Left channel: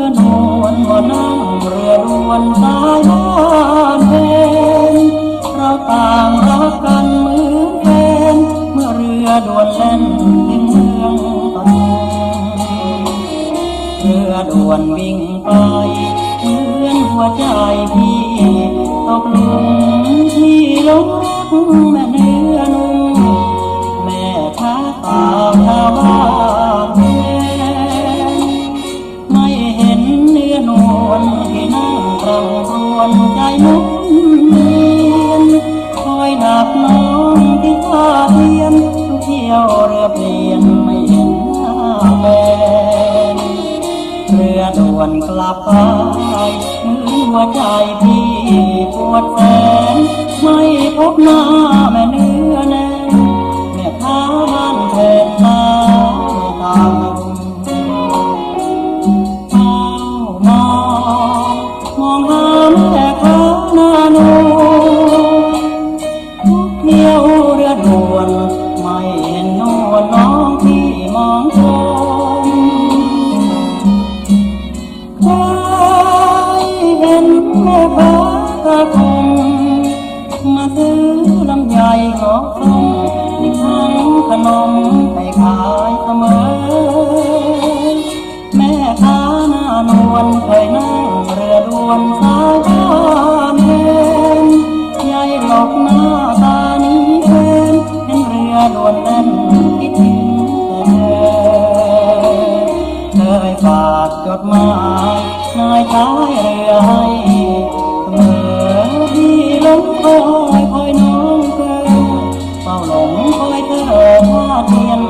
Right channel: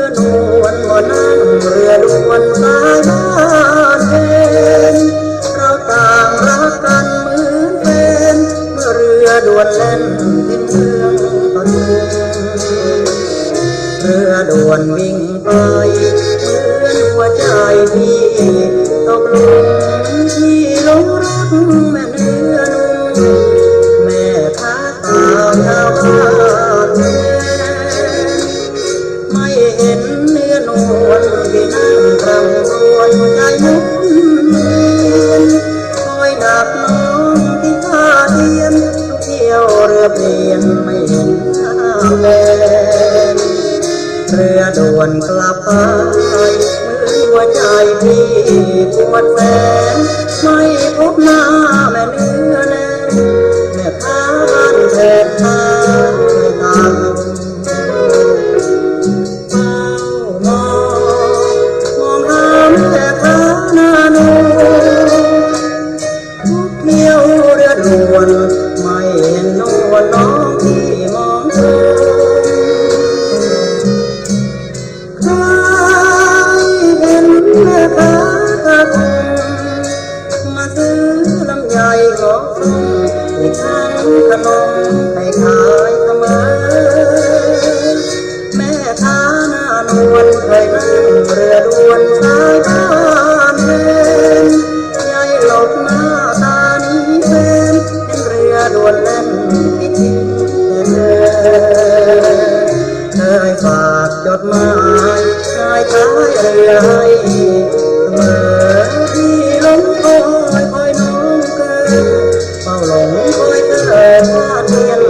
ือนวลก็นั่งเรือดวนสายงานเพนเราต่างรักกันเหมือนแฟนเมื่อเรือดวนเล่นที่เมืองปทุมเรือดวนวิ่งไปเหมือนหัวใจพี่ เห็นเนื้อนวลที่นั่งรำครวญใจมุนเวียนคอยหนักน้องที่ท่าเทียนทุกเที่ยวเรือเปลี่ยนไม่เห็นหน้าแฟนเรือด่วนกลับไปมือหัวใจพี่ปวดแสนไม่พบหน้าแม่เนื้อ วนไม่เห็นนวลน้องที่มองชมใครเห็นแม่ค้าตาคงมาซื้อลำไยงอกส้มอีกทั้งขนมไปขายเสมอ แม่ค้าหน้านวลเคยนั่งเรือด่วนสายบ้านเวนยายหลบหน้า นวลแน่นที่จริงเธอเคยฝากจดหมายนายท้ายเรือให้เมื่อที่ล้มคอยคอยน้องเกินเฝ้าหลงคอยเธอท่าเทียน